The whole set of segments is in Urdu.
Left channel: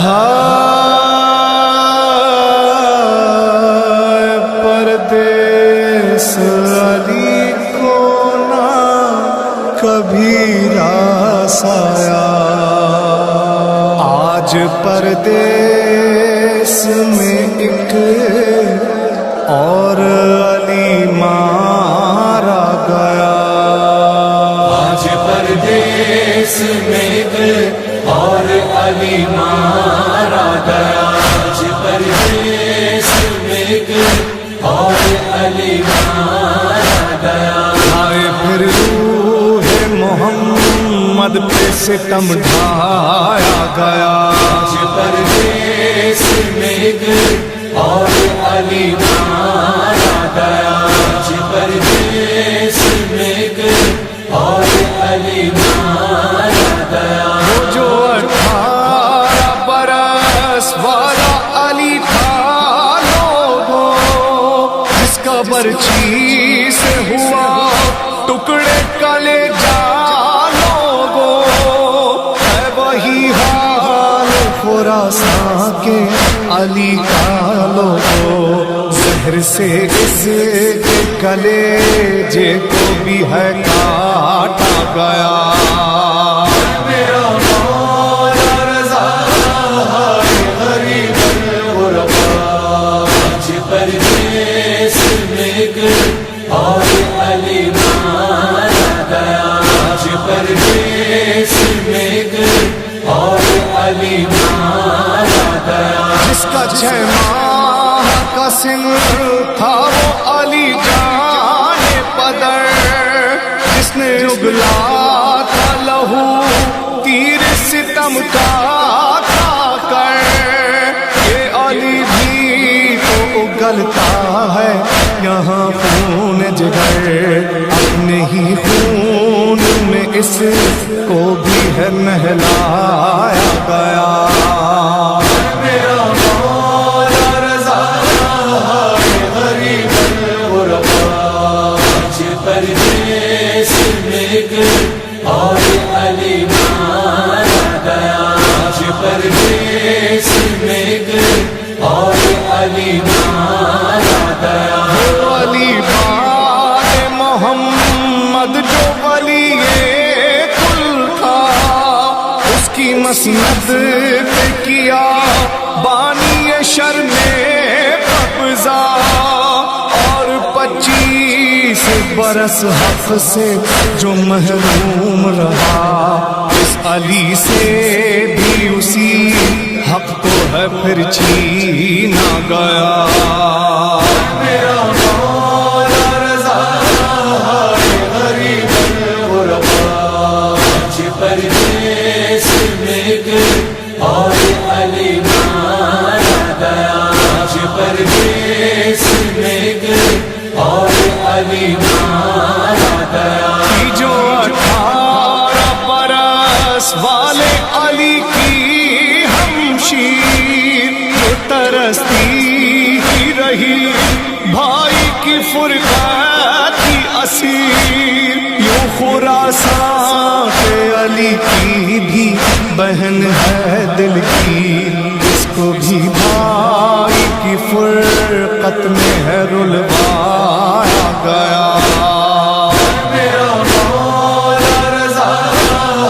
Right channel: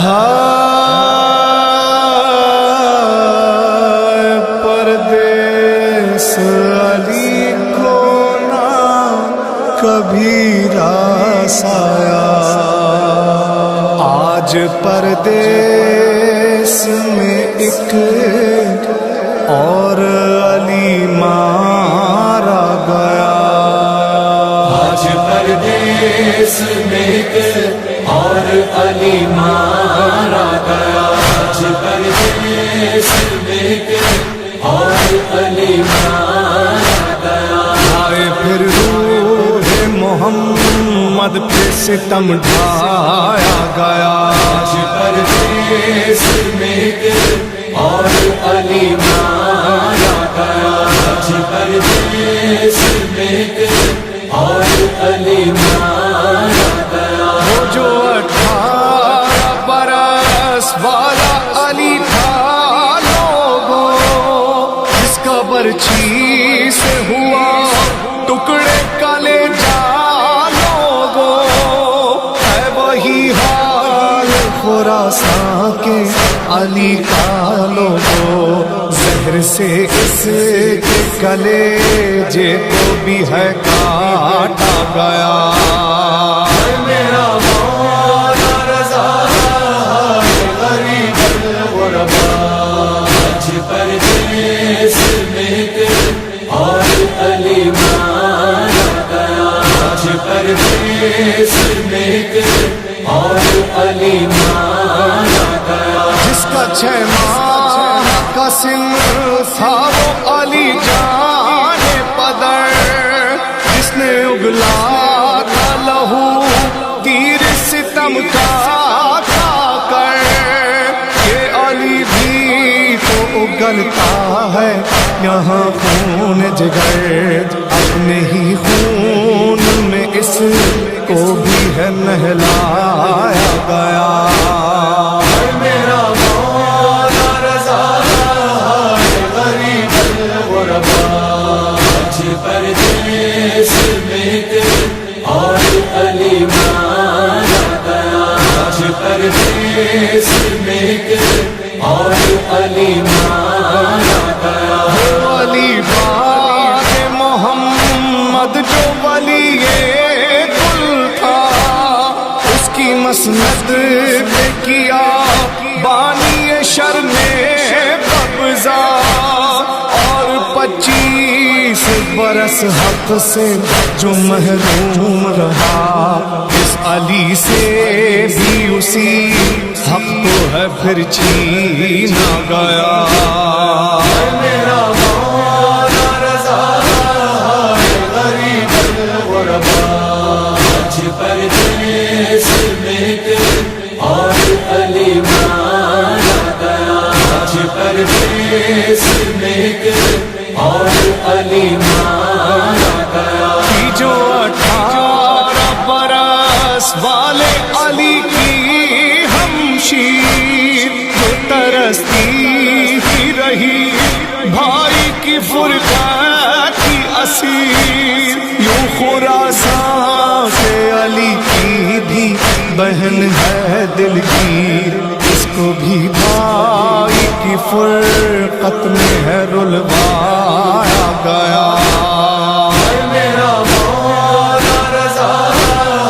ہائے پردیس علی کو نہ کبھی راس آیا، آج پردیس میں ایک اور علی مارا گیا، آج پردیس میں ایک اور علی مارا گیا، آج پردیس میں ایک اور علی مارا گیا۔ ہائے پھر روح محمد پہ ستم ڈھایا گیا، آج پردیس میں ایک اور علی مارا گیا، آج پردیس میں ایک اور علی مارا گیا۔ وہ جو 18 برس والا علی تھا لوگوں، جس کا برچھی سے ہوا ٹکڑے کلیجہ لوگوں، ہے وہی حال خراساں کے علی کا لوگوں، زہر سے اس کے کلیجے کو بھی ہے کاٹا گیا۔ میرا مولا رضا ہے غریب الغرباء، آج پردیس میں ایک اور علی مارا گیا، آج پردیس میں ایک اور علی مارا گیا۔ جس کا 6 ماہ کا سن تھا وہ علی جان پدر، جس نے اگلا تھا لہو تیر ستم کا کھا کر، یہ علی بھی تو اگلتا ہے یہاں خون جگر، اپنے ہی خون میں اس کو بھی ہے نہلایا گیا۔ میرا مولا رضا ہے غریب الغرباء، آج پردیس میں ایک اور علی مارا گیا، آج پردیس میں ایک اور علی مارا گیا۔ وہ علی باد محمد جو ولی کل تھا، اس کی مسند پہ کیا بانی شر نے قبضہ، اور 25 برس حق سے جو محروم رہا، اس علی سے بھی اسی حق کو ہے پھر چھینا گیا۔ میرا مولا رضا ہے غریب الغرباء، آج پردیس میں ایک اور علی مارا گیا، آج پردیس میں ایک اور علی مارا گیا۔ کی جو 18 برس والے علی کی ہمشیر، جو ترستی ہی رہی بھائی کی فرقت کی اسیر، یوں خراساں کے علی کی بھی بہن ہے دل کی، اس کو بھی بھائی کی فرقت میں ہے رلوایا گیا۔ میرا مولا رضا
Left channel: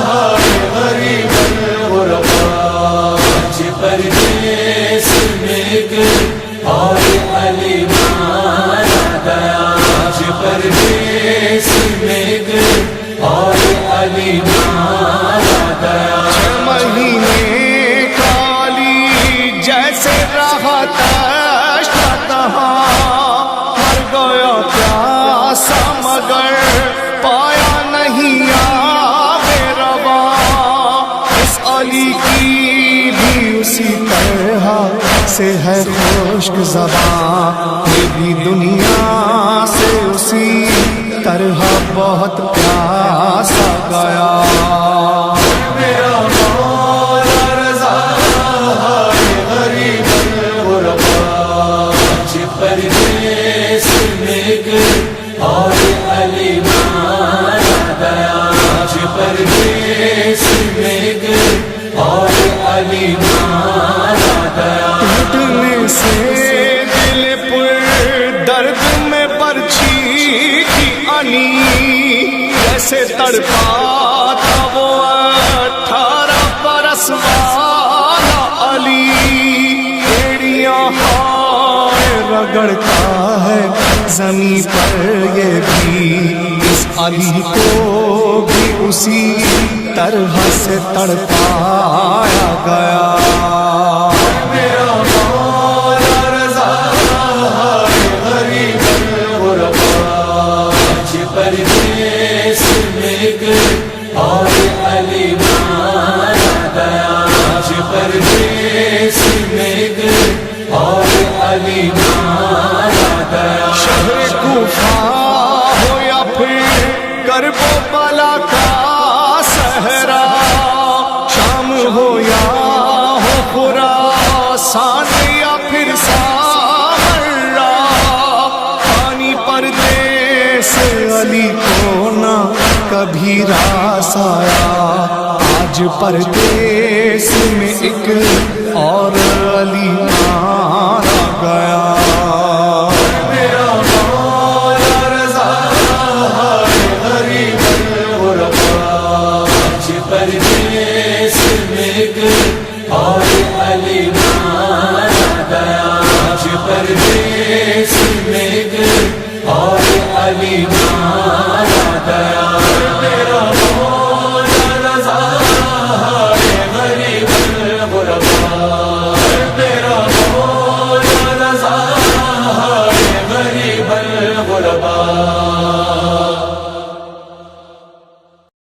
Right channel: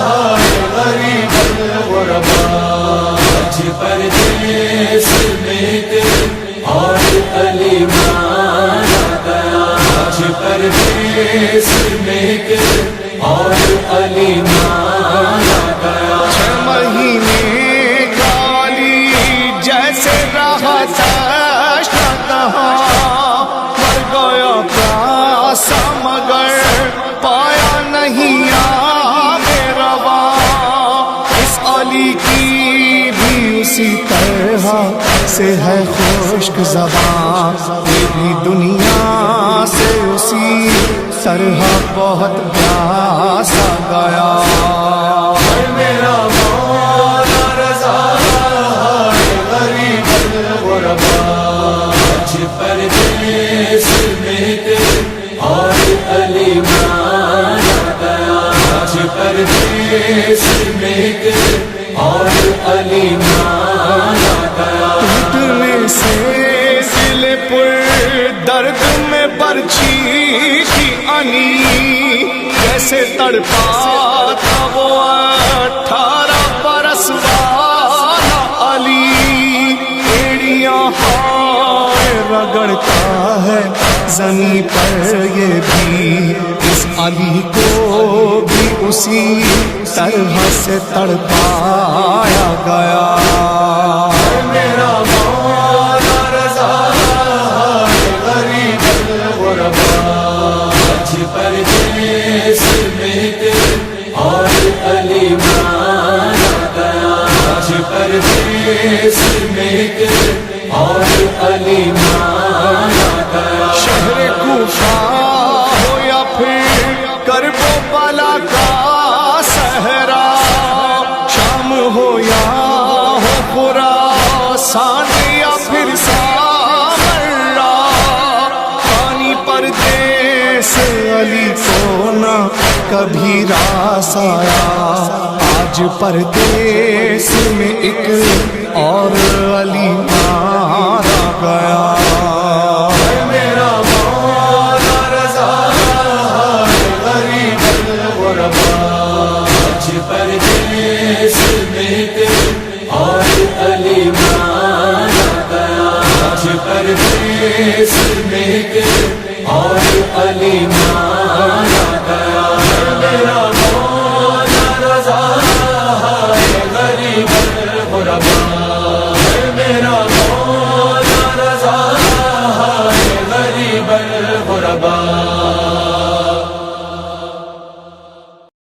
ہے غریب الغرباء، آج پردیس میں ایک اور علی مارا گیا، آج پردیس میں ایک اور علی مارا گیا۔ 6 مہینے کا علی جیسے رہا تشنا تہاں، مر گیا پیاسا مگر پایا نہیں آب رواں، اس علی کی بھی اسی طرح سے ہے خشک زباں، یہ بھی دنیا سے اسی طرح بہت پیاسا گیا۔ میرا مولا رضا ہے غریب الغرباء، آج پردیس میں ایک اور علی مارا گیا، آج پردیس میں ایک اور علی مارا درد میں برچھی کی انی جیسے تڑپا تھا وہ 18 برس والا علی ایڑیاں ہائے رگڑتا ہے زمین پر یہ بھی اس علی کو بھی اسی طرح سے تڑپایا گیا میرا مولا رضا ہے غریب الغربا اچھی پردیس میں کر اور علی مانا گیا اچھی پردیس میں کر اور علی مانا گیا شہر کوفہ ہو یا پھر کرب و بلا کا صحرا شام ہو یا ہو خراسان یا پھر سامرا پانی پردیس علی کو نہ کبھی راس آیا آج پردیس میں ایک اور علی مارا گیا میرا مولا رضا ہے غریب الغربا اچھی پردیس میں کر اور علی مانا گیا اچھی پردیس میں کر اور علی مانا گیا میرا مولا رضا ہے غریب الغربا میرا مولا رضا ہے غریب الغربا